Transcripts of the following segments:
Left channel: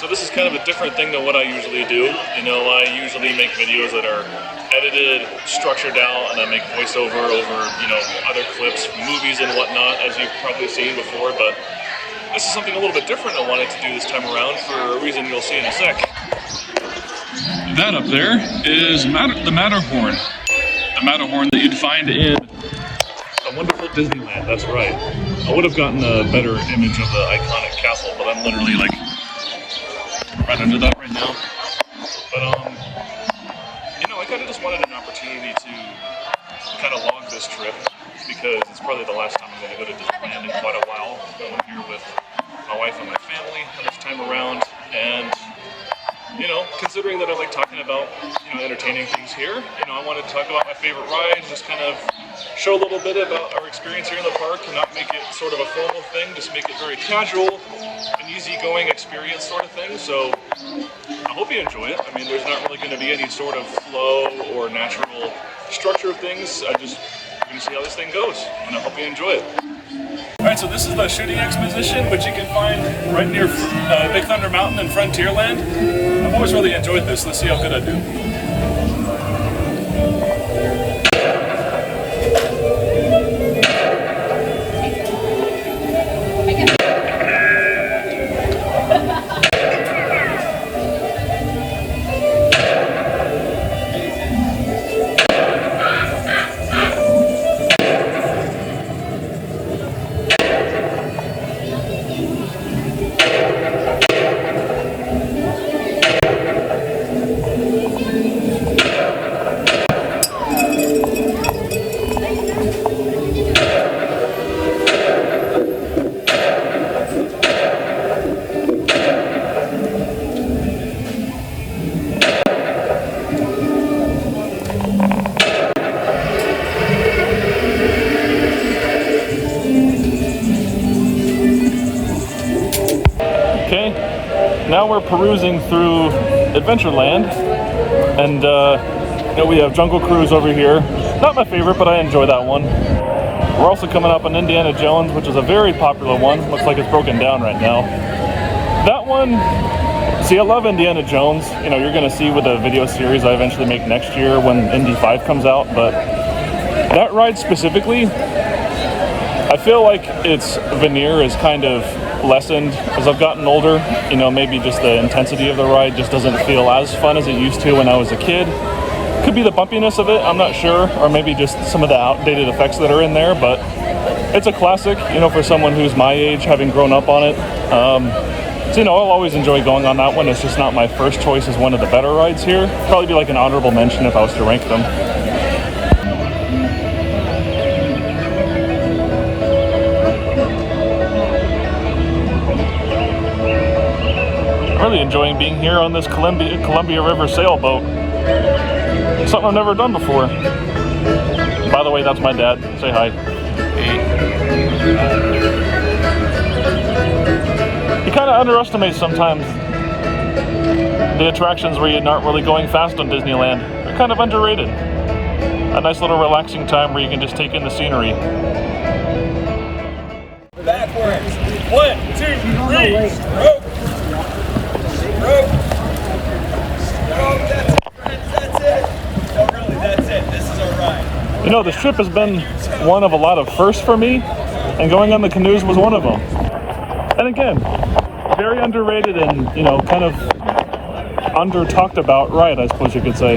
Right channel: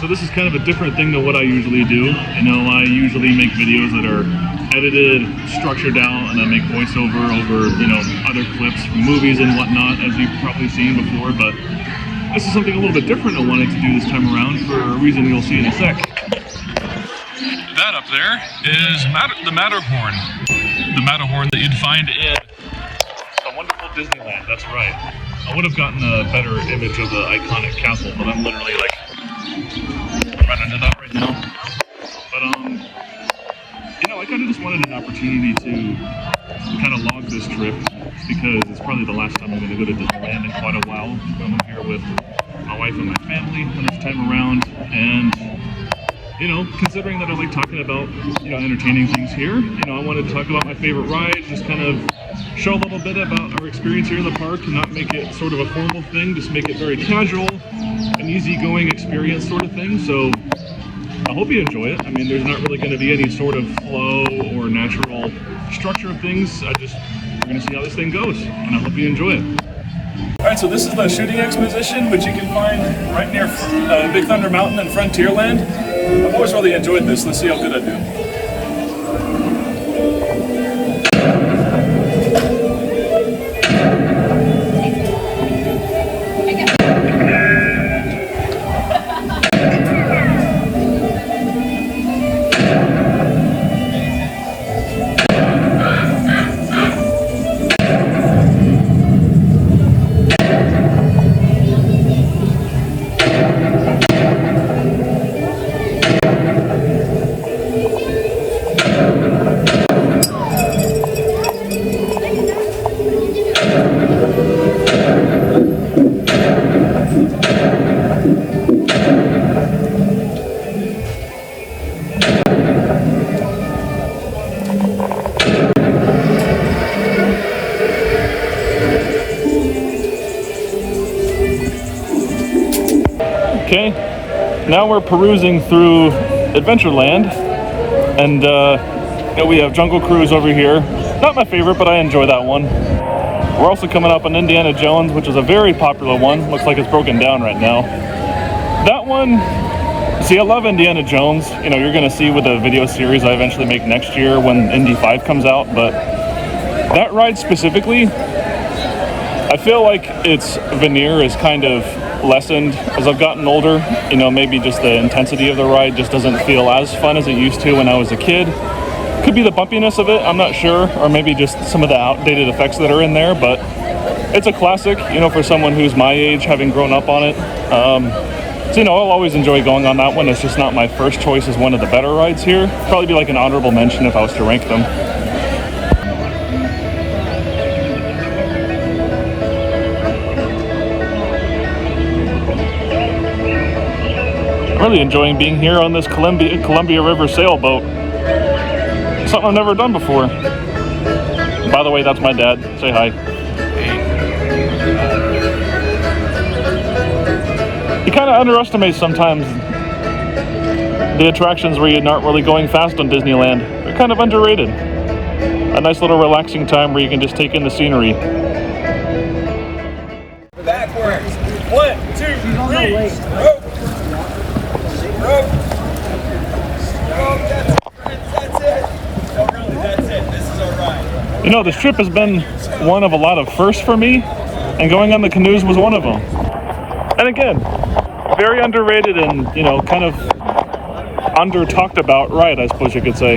So this is kind of a different thing than what I usually do. You know, I usually make videos that are edited, structured out, and I make voiceover over, you know, other clips from movies and whatnot, as you've probably seen before, but this is something a little bit different I wanted to do this time around for a reason you'll see in a sec. That up there is the Matterhorn. The Matterhorn that you'd find in a wonderful Disneyland, that's right. I would have gotten a better image of the iconic castle, but I'm literally like right under that right now. But you know, I kind of just wanted an opportunity to kind of log this trip because it's probably the last time I'm going to go to Disneyland in quite a while. I'm here with my wife and my family this time around, and you know, considering that I like talking about, you know, entertaining things here, you know, I wanted to talk about my favorite rides, just kind of show a little bit about our experience here in the park and not make it sort of a formal thing, just make it very casual, an easygoing experience sort of thing. So I hope you enjoy it. I mean, there's not really going to be any sort of flow or natural structure of things. We're going to see how this thing goes, and I hope you enjoy it. Alright, so this is the shooting exposition, which you can find right near Big Thunder Mountain and Frontierland. I've always really enjoyed this. Let's see how good I do. Now we're perusing through Adventureland, and you know, we have Jungle Cruise over here. Not my favorite, but I enjoy that one. We're also coming up on Indiana Jones, which is a very popular one. Looks like it's broken down right now. That one, see, I love Indiana Jones. You know, you're going to see with the video series I eventually make next year when Indy 5 comes out, but that ride specifically, I feel like its veneer is kind of lessened as I've gotten older. You know, maybe just the intensity of the ride just doesn't feel as fun as it used to when I was a kid. Could be the bumpiness of it, I'm not sure, or maybe just some of the outdated effects that are in there, but it's a classic, you know, for someone who's my age, having grown up on it. So, you know, I'll always enjoy going on that one. It's just not my first choice as one of the better rides here. Probably be like an honorable mention if I was to rank them. Really enjoying being here on this Columbia River sailboat. Something I've never done before. By the way, that's my dad. Say hi. You kind of underestimate sometimes the attractions where you're not really going fast on Disneyland. They're kind of underrated. A nice little relaxing time where you can just take in the scenery. Backwards. 1, 2, 3. Oh. You know, this trip has been one of a lot of firsts for me, and going on the canoes was one of them. And again, very underrated and, you know, kind of under talked about ride, I suppose you could say.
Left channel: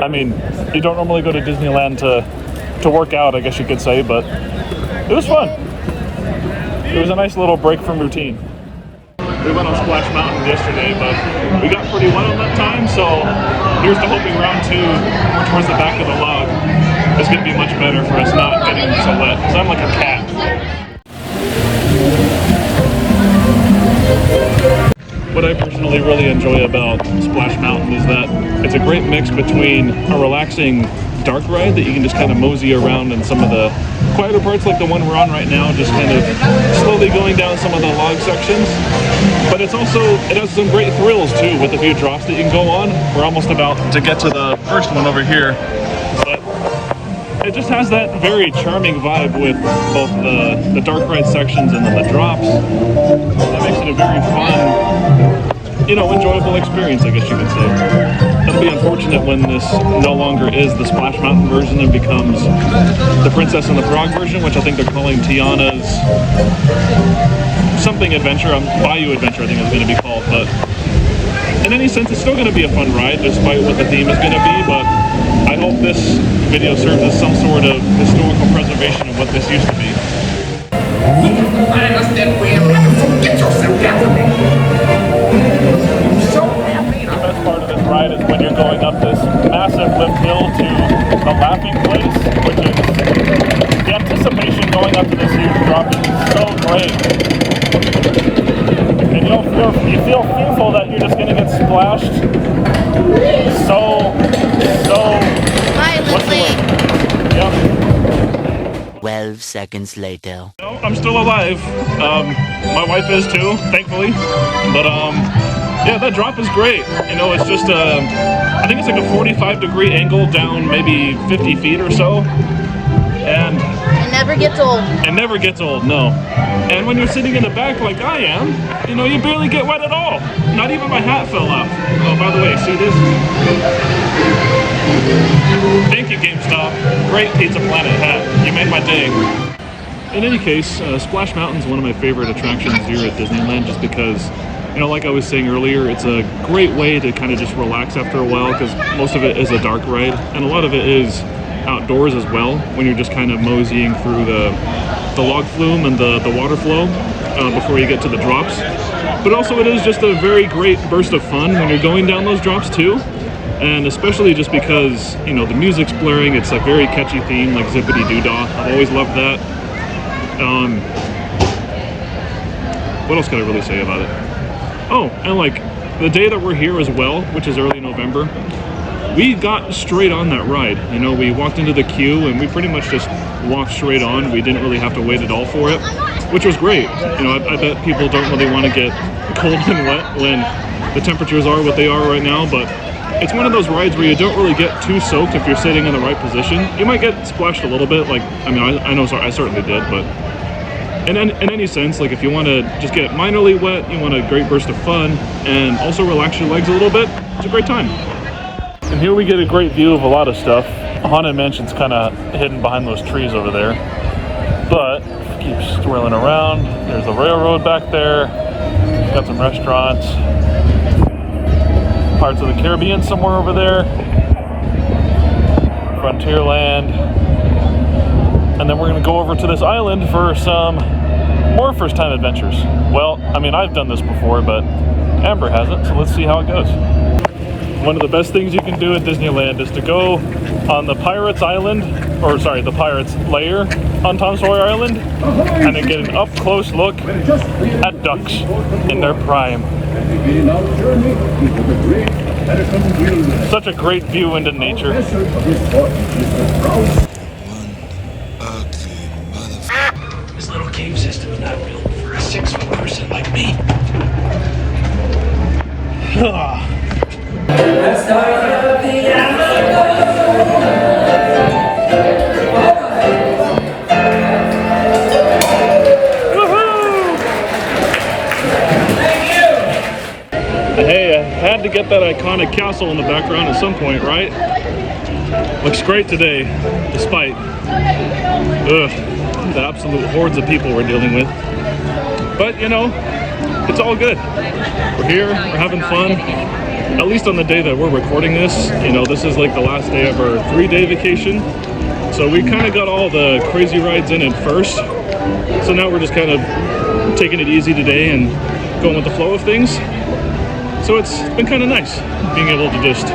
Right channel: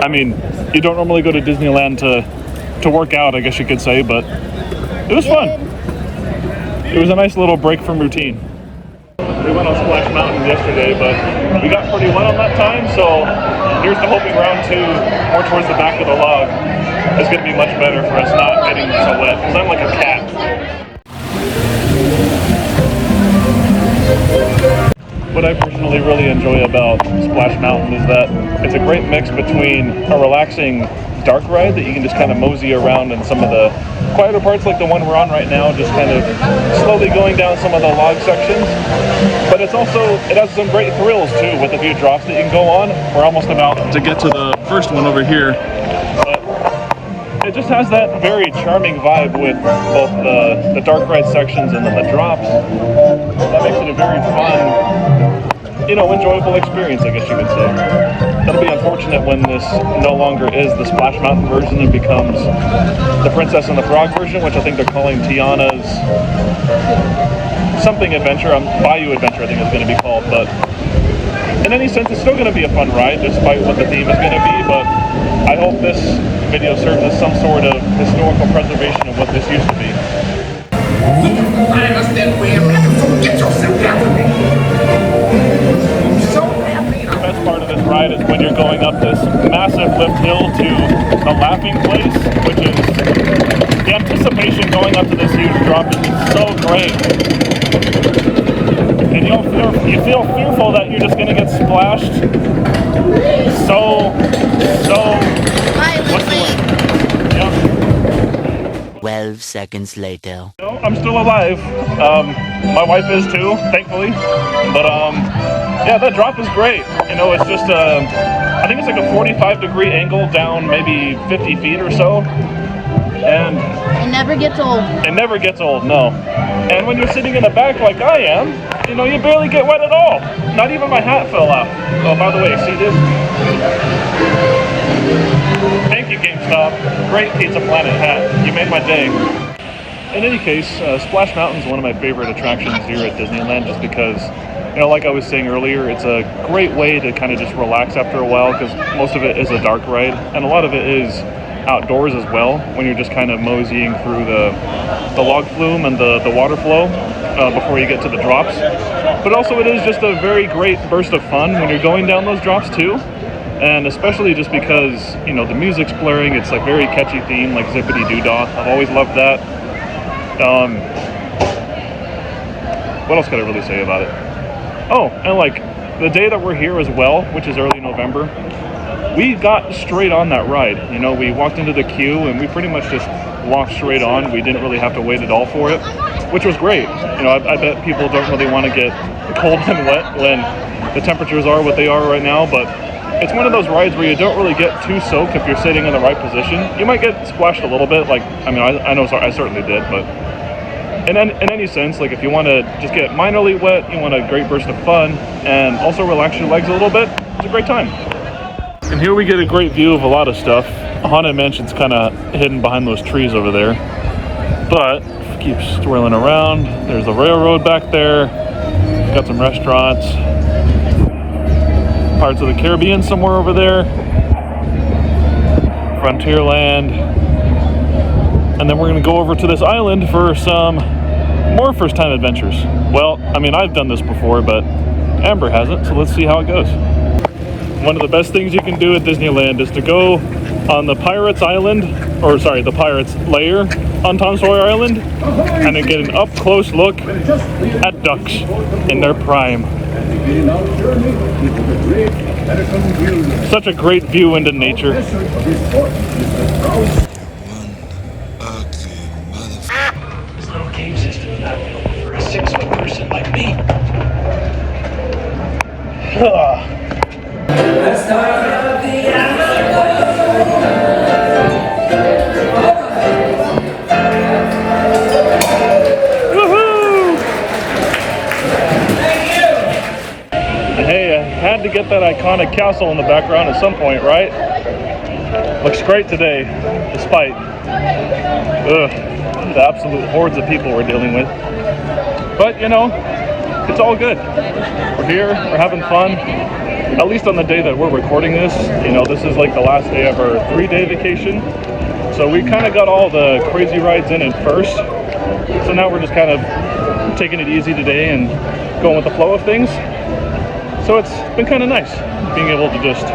I mean, you don't normally go to Disneyland to work out, I guess you could say, but it was fun. It was a nice little break from routine. We went on Splash Mountain yesterday, but we got pretty wet on that time, so here's the hoping round 2, more towards the back of the log, is going to be much better for us not getting so wet, because I'm like a cat. What I personally really enjoy about Splash Mountain is that it's a great mix between a relaxing dark ride that you can just kind of mosey around in some of the quieter parts, like the one we're on right now, just kind of slowly going down some of the log sections. But it has some great thrills too, with a few drops that you can go on. We're almost about to get to the first one over here, but it just has that very charming vibe with both the dark ride sections and then the drops. That makes it a very fun, you know, enjoyable experience, I guess you could say. It'll be unfortunate when this no longer is the Splash Mountain version and becomes the Princess and the Frog version, which I think they're calling Tiana's something adventure, Bayou Adventure I think it's going to be called, but in any sense it's still going to be a fun ride despite what the theme is going to be, but I hope this video serves as some sort of historical preservation of what this used to be. The best part of this ride is when you're going up this massive lift hill to the laughing place, which is the anticipation going up to this huge drop is so great. And you feel fearful that you're just going to get splashed. What's the word? Yep. 12 seconds later. No, I'm still alive. My wife is too, thankfully. But yeah, that drop is great. You know, it's just I think it's like a 45-degree angle down maybe 50 feet or so. And it never gets old. It never gets old, no. And when you're sitting in the back like I am, you know, you barely get wet at all. Not even my hat fell off. Oh, by the way, see this? Thank you, GameStop. Great Pizza Planet hat. You made my day. In any case, Splash Mountain is one of my favorite attractions here at Disneyland just because, you know, like I was saying earlier, it's a great way to kind of just relax after a while because most of it is a dark ride and a lot of it is outdoors as well when you're just kind of moseying through the log flume and the water flow before you get to the drops. But also it is just a very great burst of fun when you're going down those drops too. And especially just because, you know, the music's blaring, it's like very catchy theme like Zippity Doo Dah. I've always loved that. What else could I really say about it? Oh, and like the day that we're here as well, which is early November, we got straight on that ride. You know, we walked into the queue and we pretty much just walked straight on. We didn't really have to wait at all for it, which was great. You know, I bet people don't really want to get cold and wet when the temperatures are what they are right now, but it's one of those rides where you don't really get too soaked if you're sitting in the right position. You might get splashed a little bit, like, I mean, I know I certainly did, but in any sense, like if you want to just get minorly wet, you want a great burst of fun, and also relax your legs a little bit, it's a great time. And here we get a great view of a lot of stuff. Haunted Mansion's kind of hidden behind those trees over there. But keep swirling around. There's a railroad back there. Got some restaurants. Parts of the Caribbean somewhere over there. Frontierland. And then we're going to go over to this island for some more first-time adventures. Well, I mean, I've done this before, but Amber hasn't, so let's see how it goes. One of the best things you can do at Disneyland is to go on the Pirates Island, or sorry, the Pirates Lair on Tom Sawyer Island, and then get an up-close look at ducks in their prime. Such a great view into nature. This little cave system is not built for a 6-foot person like me. Hey, I had to get that iconic castle in the background at some point, right? Looks great today, despite the absolute hordes of people we're dealing with. But, you know, it's all good. We're here, we're having fun. At least on the day that we're recording this, you know, this is like the last day of our 3-day vacation. So we kind of got all the crazy rides in first. So now we're just kind of taking it easy today and going with the flow of things. So it's been kind of nice being able to just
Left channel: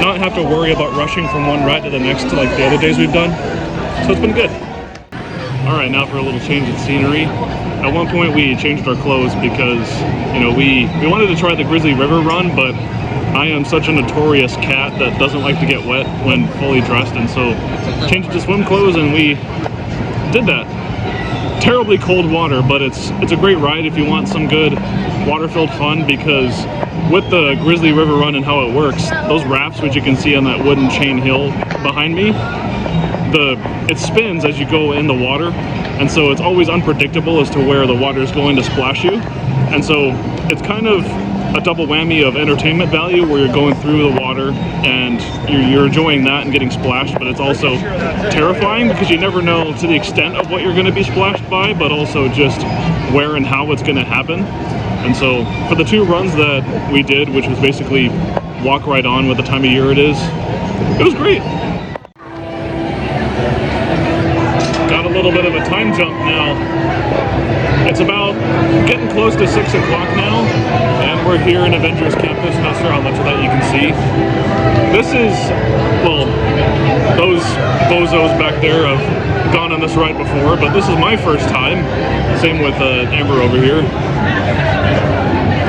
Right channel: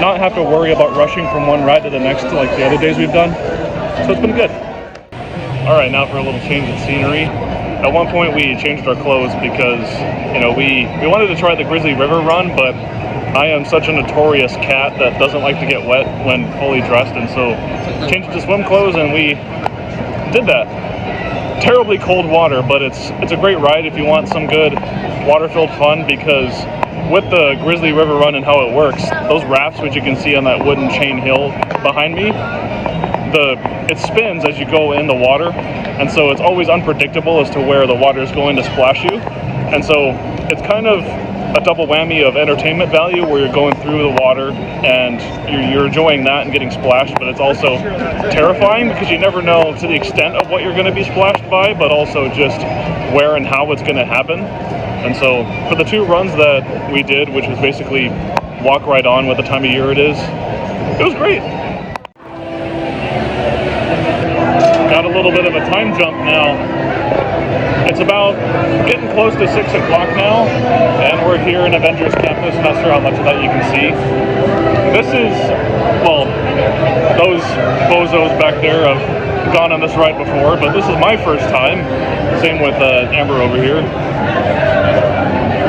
not have to worry about rushing from one ride to the next like the other days we've done. So it's been good. All right, now for a little change in scenery. At one point we changed our clothes because, you know, we wanted to try the Grizzly River run, but I am such a notorious cat that doesn't like to get wet when fully dressed, and so changed to swim clothes and we did that. Terribly cold water, but it's a great ride if you want some good water-filled fun, because with the Grizzly River run and how it works, those rafts which you can see on that wooden chain hill behind me, it spins as you go in the water, and so it's always unpredictable as to where the water is going to splash you. And so it's kind of a double whammy of entertainment value, where you're going through the water and you're enjoying that and getting splashed, but it's also terrifying because you never know to the extent of what you're going to be splashed by, but also just where and how it's going to happen. And so for the 2 runs that we did, which was basically walk right on with the time of year it was great. Got a little bit of a time jump now. It's about getting close to 6 o'clock now, and we're here in Avengers Campus. Not sure how much of that you can see. This is, well, those bozos back there have gone on this ride before, but this is my first time. Same with Amber over here.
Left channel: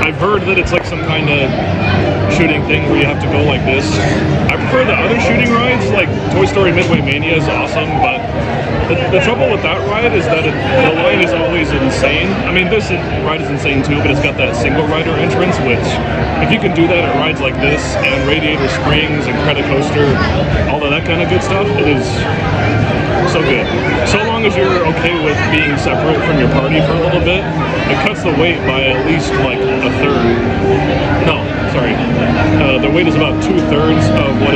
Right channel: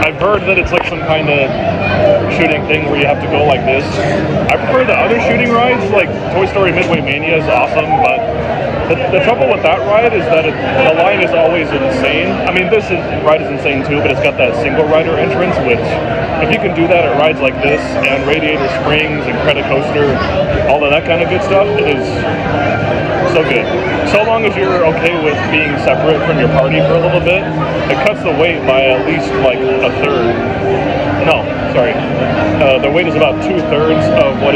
I've heard that it's like some kind of shooting thing where you have to go like this. I prefer the other shooting rides, like Toy Story Midway Mania is awesome, but the trouble with that ride is that the line is always insane. I mean, this ride is insane too, but it's got that single rider entrance, which if you can do that at rides like this and Radiator Springs and Credicoaster, all of that kind of good stuff, it is so good. So long as you're okay with being separate from your party for a little bit, it cuts the wait by at least like a third. No, sorry. The wait is about 2/3 of what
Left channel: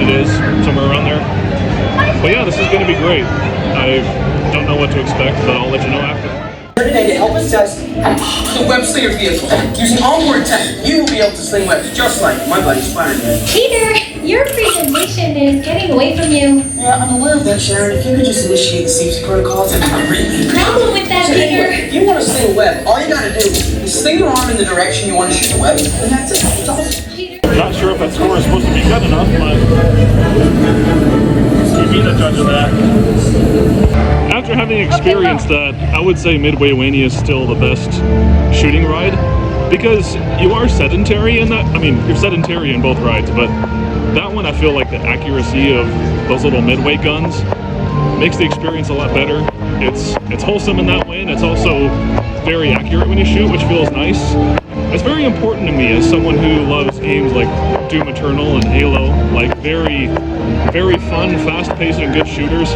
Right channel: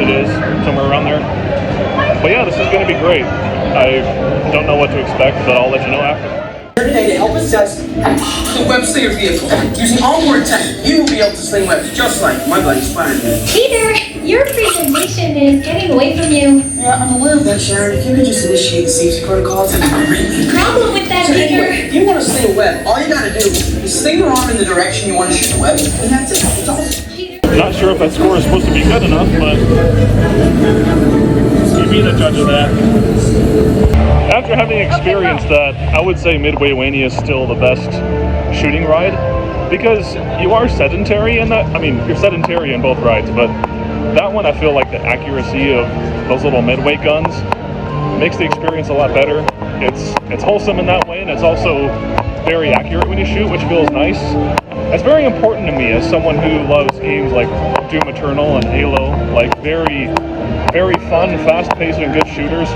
it is, somewhere around there. But yeah, this is going to be great. I don't know what to expect, but I'll let you know after. Today to help us test the web slinger vehicle. Using onboard tech, you will be able to sling webs just like my buddy Spider-Man. Peter, your presentation is getting away from you. Yeah, I'm aware of that, Sharon. If you could just initiate the safety protocols, that'd be great. Problem with that, So Peter. anyway, if you want to sling a web, all you gotta do is sling your arm in the direction you want to shoot the web, and that's it. It's all. Not sure if that score is supposed to be good enough, but you be the judge of that. After having experienced that, I would say Midway Mania is still the best shooting ride, because you are sedentary in that. I mean, you're sedentary in both rides, but that one I feel like the accuracy of those little Midway guns makes the experience a lot better. It's wholesome in that way, and it's also very accurate when you shoot, which feels nice. It's very important to me as someone who loves games like Doom Eternal and Halo, like very, very fun, fast-paced, and good shooters.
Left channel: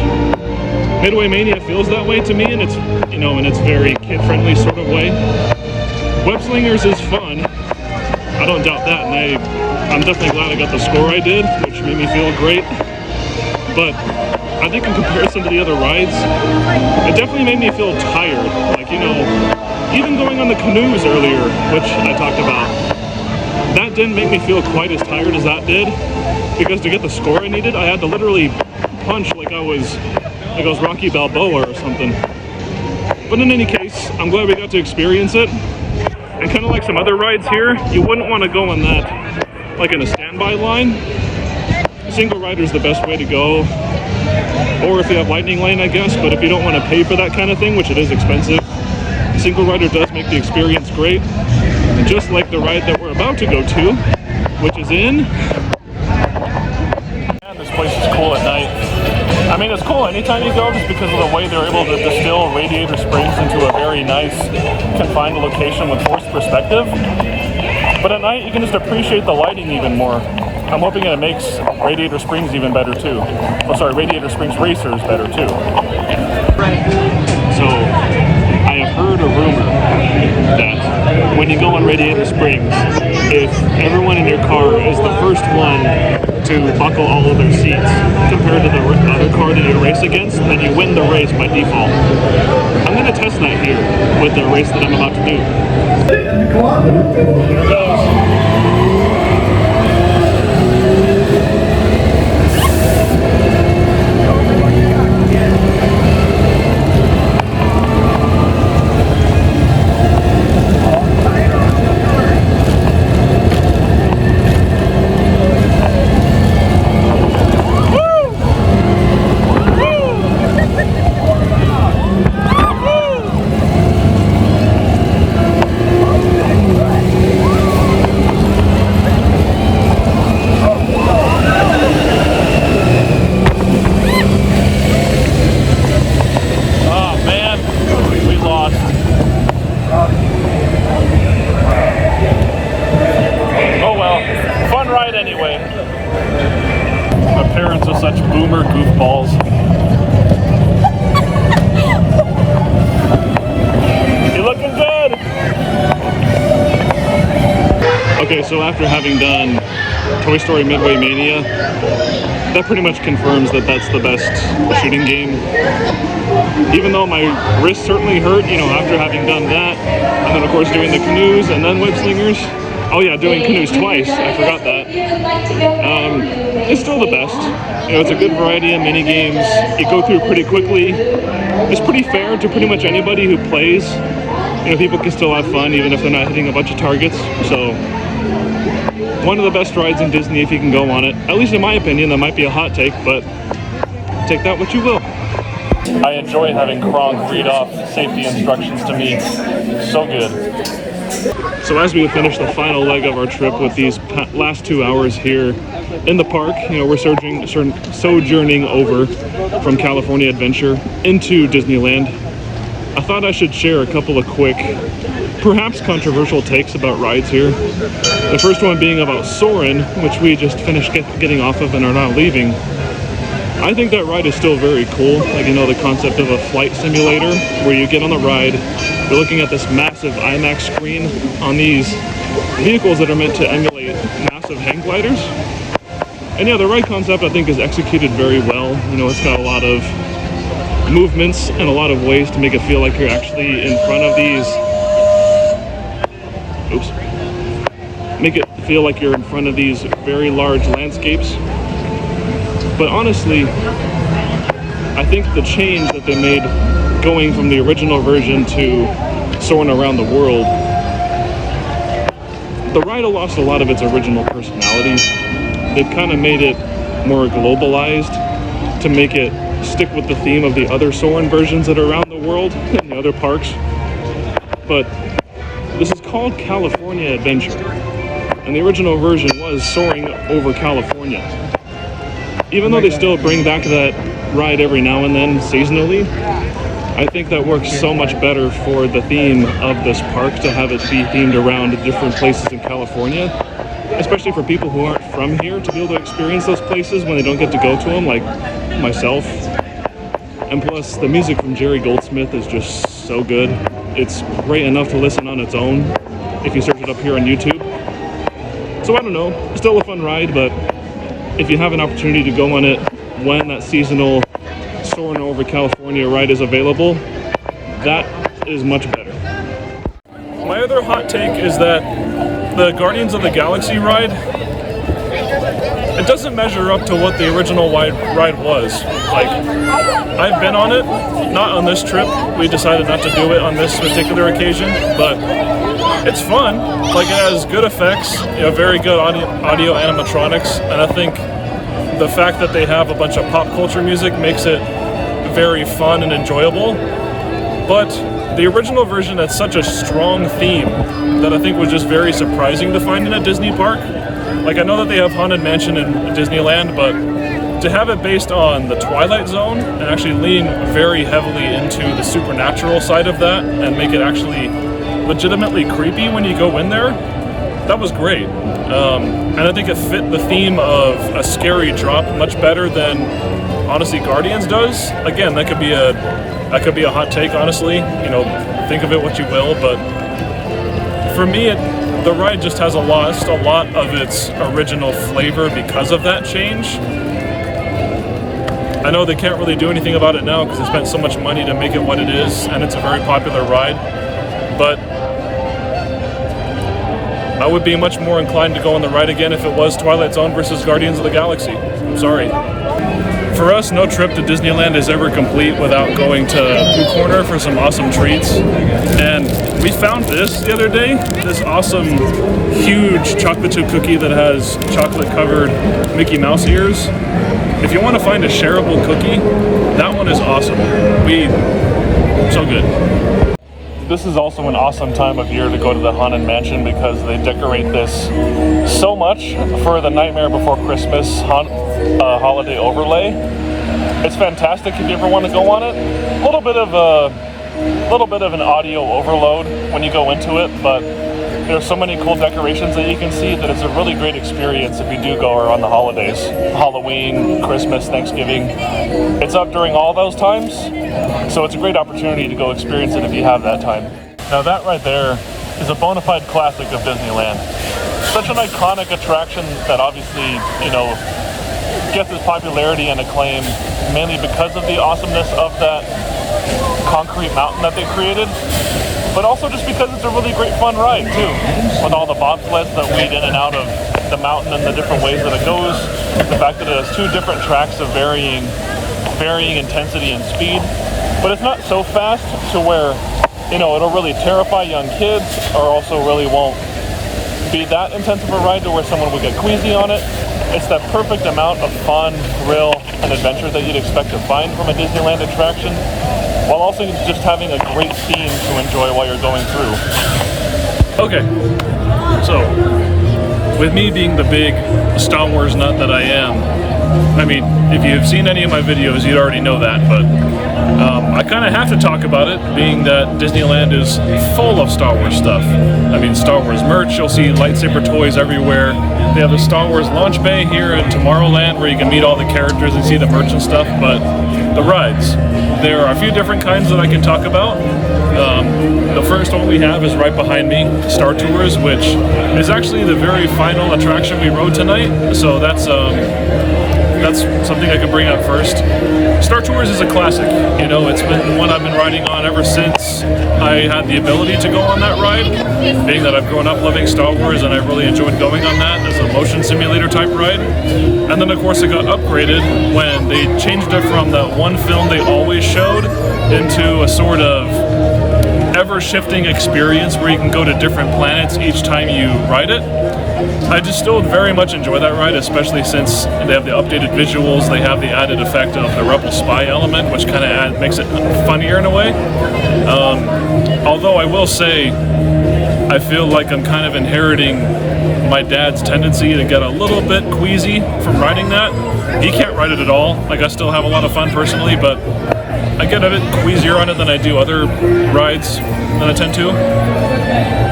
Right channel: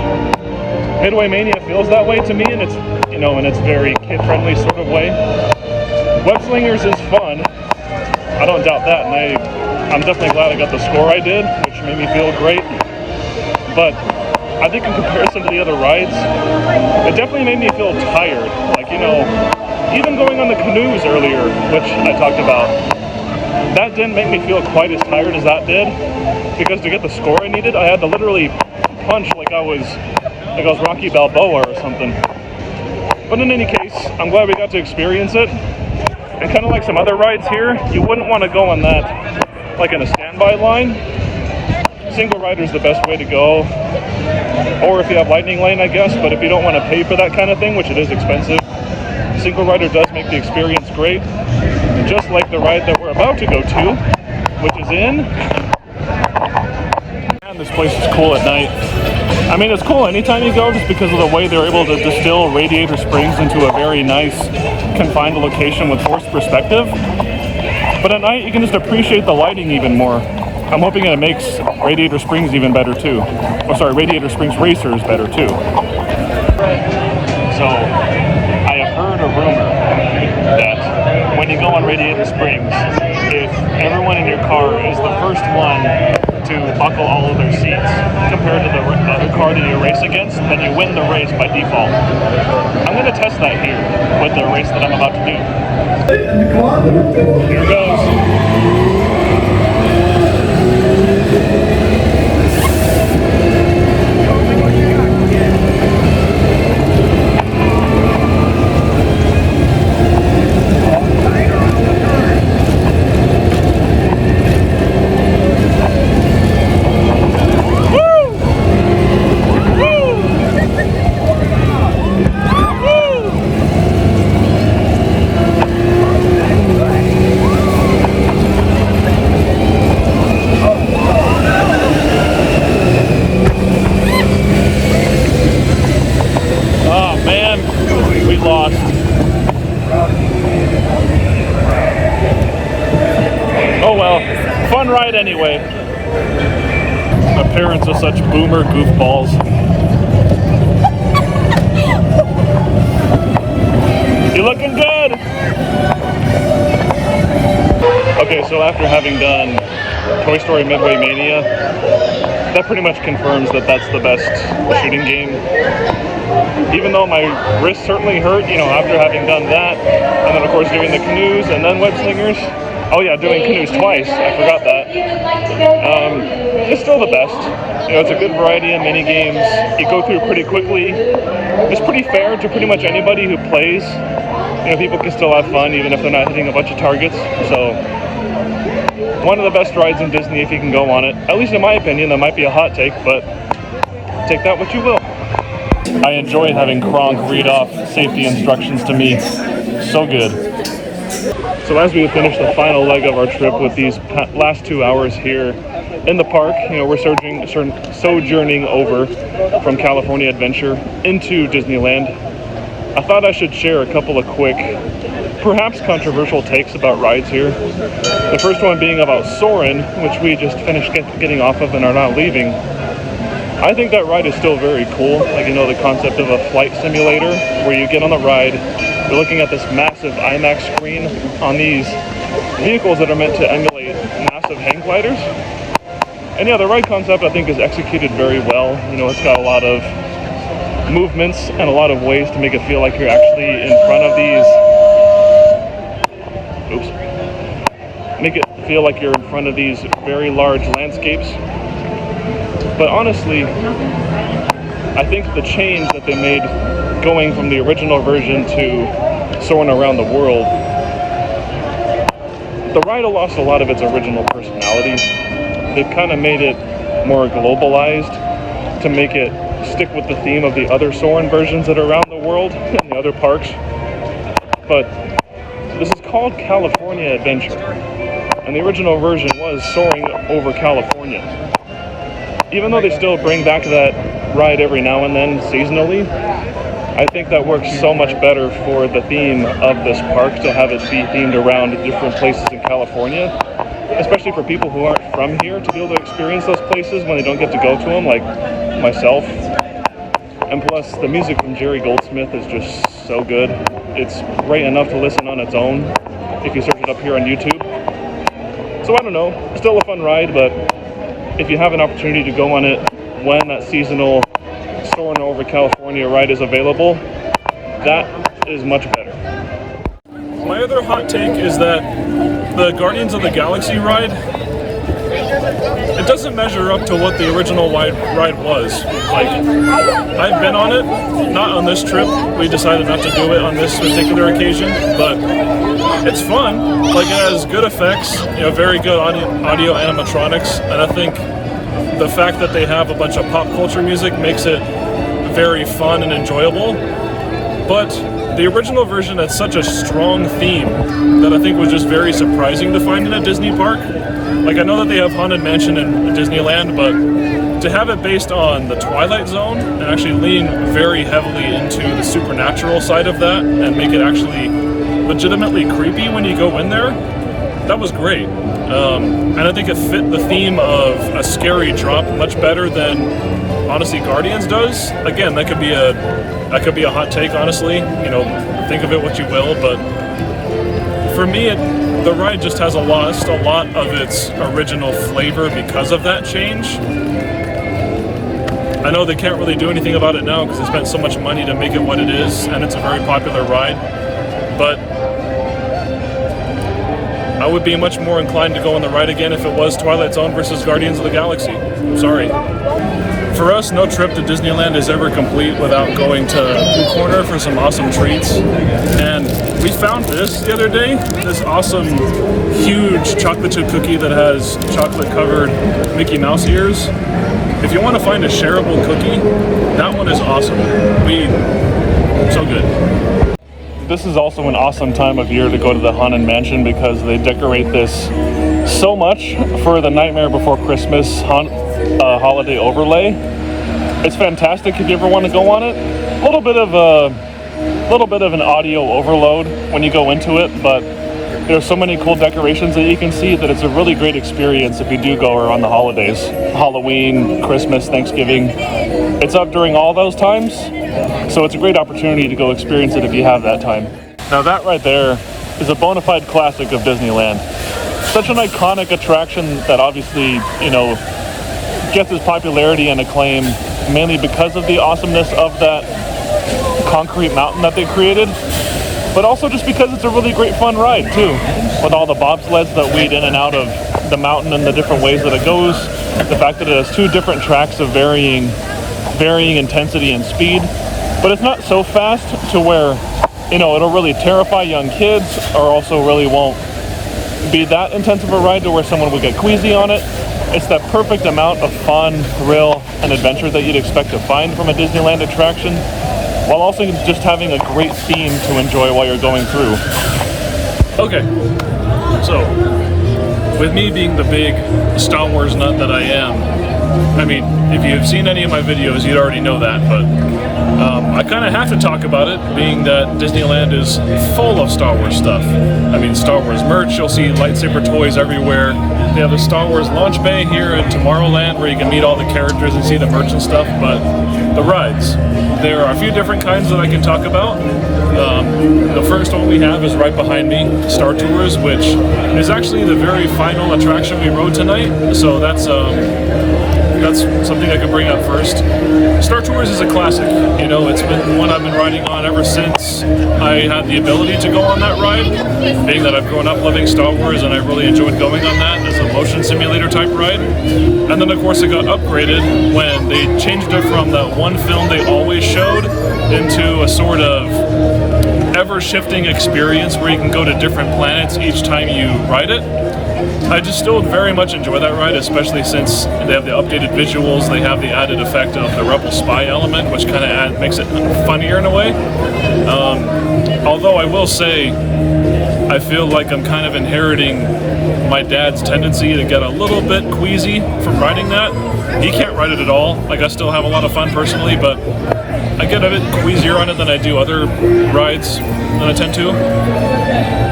Midway Mania feels that way to me, and it's, you know, in its very kid-friendly sort of way. Web Slingers is fun. I don't doubt that, and I'm definitely glad I got the score I did, which made me feel great. But I think in comparison to the other rides, it definitely made me feel tired. Like, you know, even going on the canoes earlier, which I talked about, that didn't make me feel quite as tired as that did, because to get the score I needed, I had to literally punch like I was Rocky Balboa or something. But in any case, I'm glad we got to experience it. And kind of like some other rides here, you wouldn't want to go on that like in a standby line. Single rider is the best way to go, or if you have lightning lane, I guess. But if you don't want to pay for that kind of thing, which it is expensive, single rider does make the experience great. And just like the ride that we're about to go to, which is in, man, this place is cool at night. I mean, it's cool anytime you go, just because of the way they're able to distill Radiator Springs into a very nice, confined location with forced perspective. But at night, you can just appreciate the lighting even more. I'm hoping it makes Radiator Springs even better too. Oh, sorry, Radiator Springs Racers better too. So, I have heard a rumor that when you go on Radiator Springs, if everyone in your car is the first one to buckle all of their seats compared to the other car that you race against, then you win the race by default. I'm going to test that here with the race that I'm about to do. Here it goes. parents are such boomer goofballs. You're looking good! Okay, so after having done Toy Story Midway Mania, that pretty much confirms that that's the best shooting game. Even though my wrist certainly hurt, you know, after having done that, and then of course doing the canoes and then web slingers. Oh yeah, doing canoes twice, I forgot that. It's still the best. You know, it's a good variety of mini games. You go through pretty quickly. It's pretty fair to pretty much anybody who plays. You know, people can still have fun even if they're not hitting a bunch of targets. So, one of the best rides in Disney if you can go on it. At least in my opinion. That might be a hot take, but take that what you will. I enjoy having Kronk read off safety instructions to me. So good. So as we finish the final leg of our trip with these last 2 hours here in the park, you know, we're sojourning over from California Adventure into Disneyland. I thought I should share a couple of quick, perhaps controversial takes about rides here. The first one being about Soarin', which we just finished getting off of and are now leaving. I think that ride is still very cool. Like, you know, the concept of a flight simulator where you get on the ride, you're looking at this massive IMAX screen on these vehicles that are meant to emulate massive hang gliders. And yeah, the ride concept I think is executed very well. You know, it's got a lot of movements and a lot of ways to make it feel like you're actually in front of these. Make it feel like you're in front of these very large landscapes. But honestly, I think the change that they made going from the original version to Soarin' Around the World, the ride lost a lot of its original personality. They've kind of made it more globalized to make it stick with the theme of the other Soarin' versions that are around the world in the other parks. But this is called California Adventure, and the original version was Soaring Over California. Even though they still bring back that ride every now and then seasonally, I think that works so much better for the theme of this park to have it be themed around different places in California, especially for people who aren't from here to be able to experience those places when they don't get to go to them, like myself. And plus, the music from Jerry Goldsmith is just so good. It's great enough to listen on its own if you search it up here on YouTube. So I don't know, still a fun ride, but if you have an opportunity to go on it when that seasonal Soarin' Over California ride is available, that is much better. My other hot take is that the Guardians of the Galaxy ride, it doesn't measure up to what the original ride was. Like, I've been on it, not on this trip. We decided not to do it on this particular occasion, but it's fun. Like, it has good effects, you know, very good audio animatronics, and I think the fact that they have a bunch of pop culture music makes it very fun and enjoyable. But the original version had such a strong theme that I think was just very surprising to find in a Disney park. Like, I know that they have Haunted Mansion in Disneyland, but to have it based on the Twilight Zone and actually lean very heavily into the supernatural side of that and make it actually legitimately creepy when you go in there, that was great. And I think it fit the theme of a scary drop much better than, honestly, Guardians does. Again, that could be a hot take, honestly. You know, think of it what you will, but for me, the ride just has lost a lot of its original flavor because of that change. I know they can't really do anything about it now because they spent so much money to make it what it is, and it's a very popular ride, but I would be much more inclined to go on the ride again if it was Twilight Zone versus Guardians of the Galaxy. I'm sorry. For us, no trip to Disneyland is ever complete without going to Pooh Corner for some awesome treats. And we found this the other day, this awesome, huge chocolate chip cookie that has chocolate-covered Mickey Mouse ears. If you want to find a shareable cookie, that one is awesome. So good. This is also an awesome time of year to go to the Haunted Mansion because they decorate this so much for the Nightmare Before Christmas holiday overlay. It's fantastic if you ever want to go on it. A little bit of an audio overload when you go into it, but There's so many cool decorations that you can see that it's a really great experience if you do go around the holidays. Halloween, Christmas, Thanksgiving. It's up during all those times, so it's a great opportunity to go experience it if you have that time. Now that right there is a bona fide classic of Disneyland. Such an iconic attraction that obviously, you know, gets its popularity and acclaim mainly because of the awesomeness of that concrete mountain that they created, but also just because it's a really great fun ride too, with all the bobsleds that weed in and out of the mountain and the different ways that it goes. The fact that it has two different tracks of varying intensity and speed, but it's not so fast to where, you know, it'll really terrify young kids, or also really won't be that intense of a ride to where someone would get queasy on it. It's that perfect amount of fun, thrill, and adventure that you'd expect to find from a Disneyland attraction, while also just having a great theme to enjoy while you're going through. Okay, so with me being the big Star Wars nut that I am, I mean, if you've seen any of my videos, you'd already know that, but I kind of have to talk about it, being that Disneyland is full of Star Wars stuff. I mean, Star Wars merch, you'll see lightsaber toys everywhere. They have a Star Wars launch bay here at Tomorrowland where you can meet all the characters and see the merch and stuff, but the rides, there are a few different kinds that I can talk about. The first one we have is right behind me, Star Tours, which is actually the very final attraction we rode tonight, so that's something I can bring up first. Star Tours is a classic. You know, it's been one I've been riding on ever since I had the ability to go on that ride, being that I've grown up loving Star Wars and I really enjoyed going on that as a motion simulator type ride. And then of course it got upgraded when they changed it from that one film they always showed into a sort of ever-shifting experience where you can go to different planets each time you ride it. I just still very much enjoy that ride, especially since they have the updated visuals, they have the added effect of the Rebel Spy element, which kind of makes it funnier in a way. Although I will say, I feel like I'm kind of inheriting my dad's tendency to get a little bit queasy from riding that. He can't ride it at all. Like, I still have a lot of fun personally, but I get a bit queasier on it than I do other rides than I tend to.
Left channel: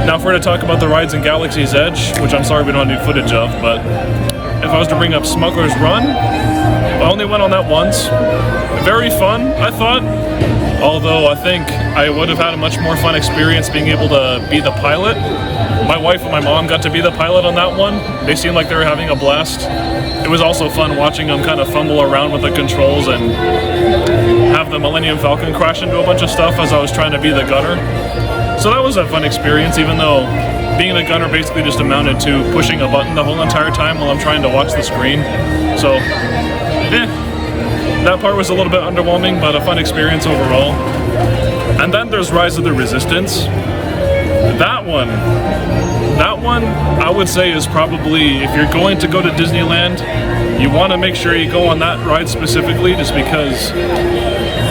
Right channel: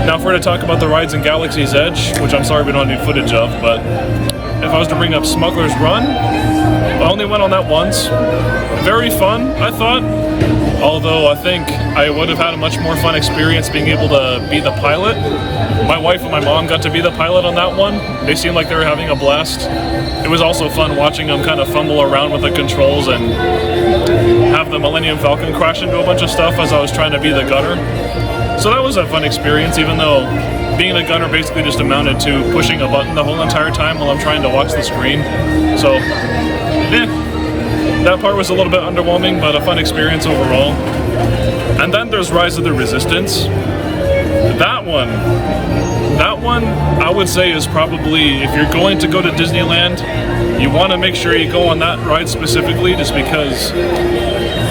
Now, if we're to talk about the rides in Galaxy's Edge, which I'm sorry we don't have any footage of, but if I was to bring up Smuggler's Run, I only went on that once. Very fun, I thought. Although I think I would have had a much more fun experience being able to be the pilot. My wife and my mom got to be the pilot on that one. They seemed like they were having a blast. It was also fun watching them kind of fumble around with the controls and have the Millennium Falcon crash into a bunch of stuff as I was trying to be the gunner. So that was a fun experience, even though being the gunner basically just amounted to pushing a button the whole entire time while I'm trying to watch the screen. So, that part was a little bit underwhelming, but a fun experience overall. And then there's Rise of the Resistance. That one I would say is probably, if you're going to go to Disneyland, you want to make sure you go on that ride specifically, just because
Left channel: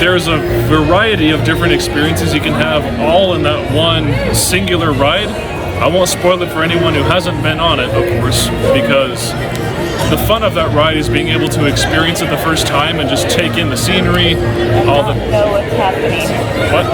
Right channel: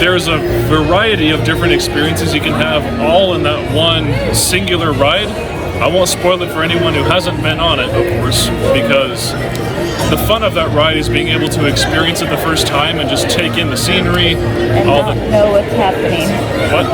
there's a variety of different experiences you can have all in that one singular ride. I won't spoil it for anyone who hasn't been on it, of course, because the fun of that ride is being able to experience it the first time and just take in the scenery, all the... know what's happening. What?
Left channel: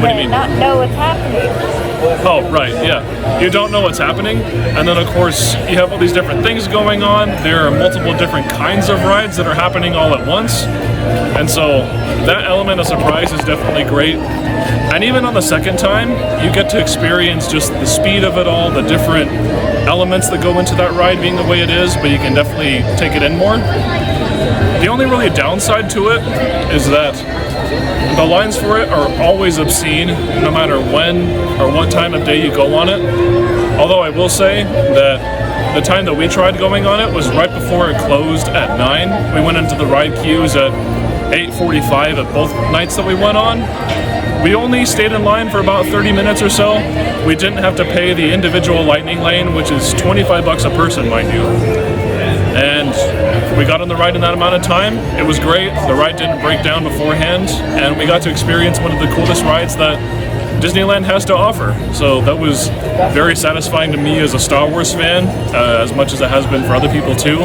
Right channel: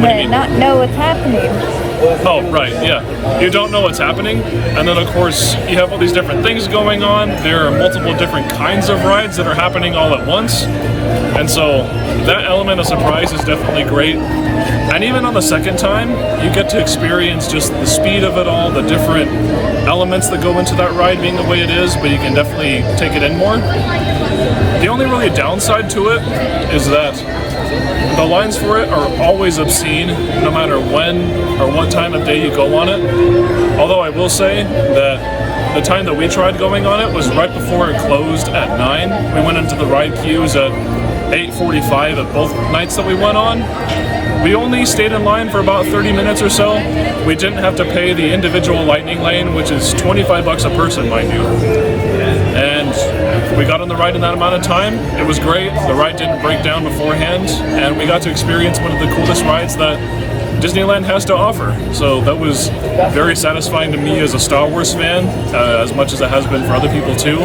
What do you mean? Not know what's happening. Oh, right, yeah. You don't know what's happening, and then of course you have all these different things going on. There are multiple different kinds of rides that are happening all at once, and so that element of surprise is definitely great. And even on the second time, you get to experience just the speed of it all, the different elements that go into that ride being the way it is, but you can definitely take it in more. The only really downside to it is that the lines for it are always obscene, no matter when or what time of day you go on it. Although I will say that the time that we tried going on it was right before it closed at 9. We went into the ride queues at 8:45 at both nights that we went on. We only stayed in line for about 30 minutes or so. We didn't have to pay the individual lightning lane, which is $25 a person, mind you. And we got on the ride in that amount of time. It was great. The ride didn't break down beforehand, and we got to experience one of the coolest rides that Disneyland has to offer. So that was very satisfying to me as a Star Wars fan, as much as it has been for other people too.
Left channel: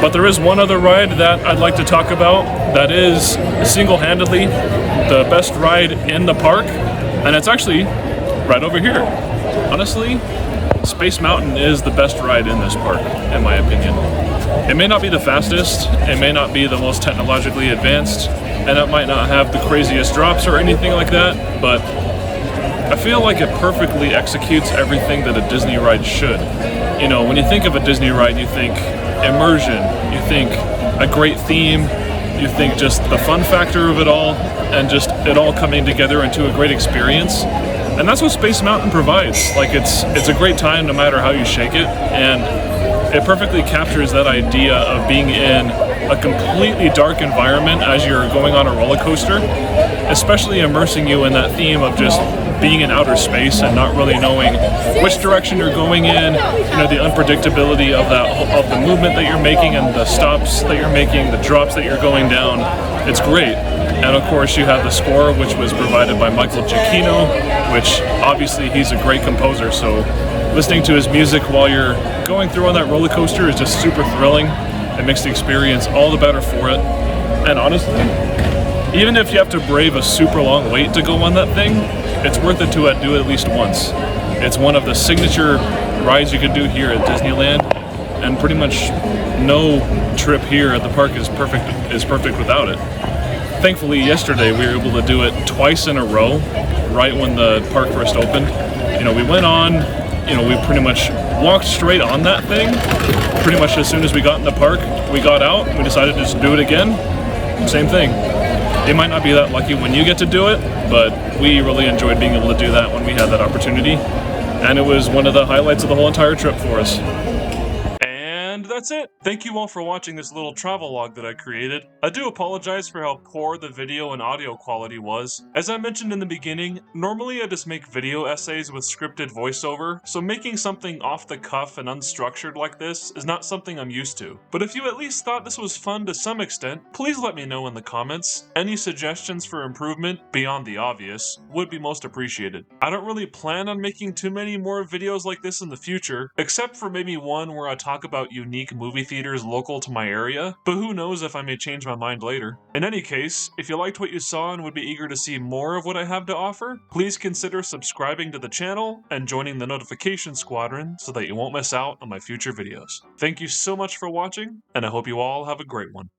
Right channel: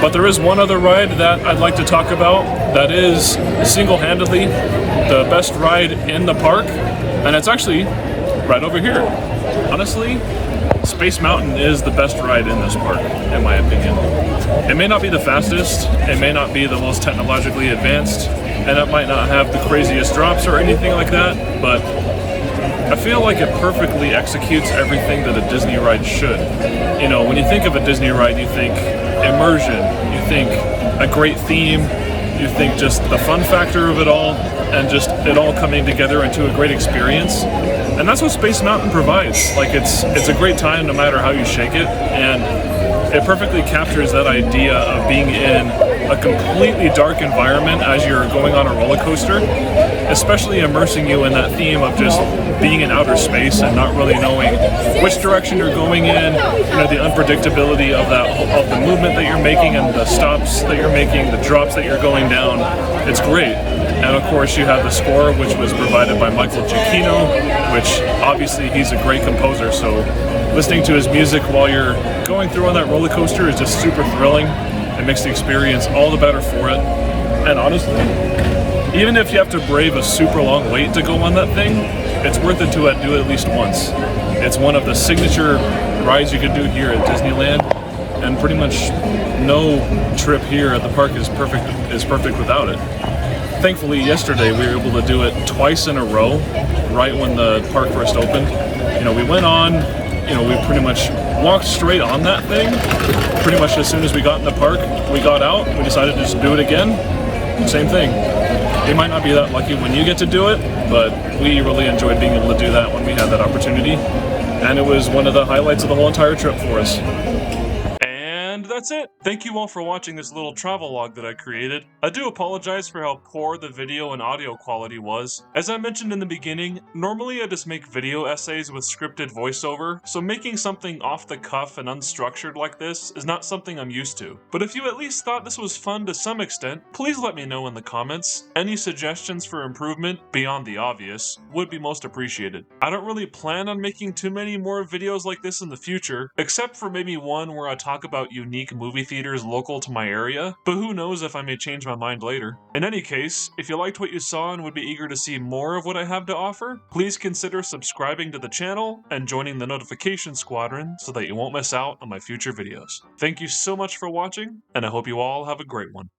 But there is one other ride that I'd like to talk about that is single-handedly the best ride in the park, and it's actually right over here. Honestly, Space Mountain is the best ride in this park, in my opinion. It may not be the fastest, it may not be the most technologically advanced, and it might not have the craziest drops or anything like that, but I feel like it perfectly executes everything that a Disney ride should. You know, when you think of a Disney ride, you think immersion, you think a great theme, you think just the fun factor of it all, and just it all coming together into a great experience. And that's what Space Mountain provides. Like, it's a great time no matter how you shake it, and it perfectly captures that idea of being in a completely dark environment as you're going on a roller coaster, especially immersing you in that theme of just being in outer space and not really knowing which direction you're going in, you know, the unpredictability of the movement that you're making and the stops that you're making, the drops that you're going down. It's great. And of course you have the score, which was provided by Michael Giacchino, which obviously he's a great composer, so listening to his music while you're going through on that roller coaster is just super thrilling. It makes the experience all the better for it. And honestly, even if you have to brave a super long wait to go on that thing, it's worth it to do it at least once. It's one of the signature rides you can do here at Disneyland, and pretty much no trip here at the park is perfect without it. Thankfully, yesterday we were able to do it twice in a row, right when the park first opened. You know, we went on, you know, we pretty much walked straight on that thing. Pretty much as soon as we got in the park, we got out, we decided to just do it again. Same thing. It might not be that lucky when you get to do it, but we really enjoyed being able to do that when we had that opportunity. And it was one of the highlights of the whole entire trip for us. And that's it. Thank you all for watching this little travel log that I created. I do apologize for how poor the video and audio quality was. As I mentioned in the beginning, normally I just make video essays with scripted voiceover, so making something off the cuff and unstructured like this is not something I'm used to. But if you at least thought this was fun to some extent, please let me know in the comments. Any suggestions for improvement, beyond the obvious, would be most appreciated. I don't really plan on making too many more videos like this in the future, except for maybe one where I talk about unique movie theaters local to my area, but who knows if I may change my mind later. In any case, if you liked what you saw and would be eager to see more of what I have to offer, please consider subscribing to the channel and joining the notification squadron so that you won't miss out on my future videos. Thank you so much for watching, and I hope you all have a great one.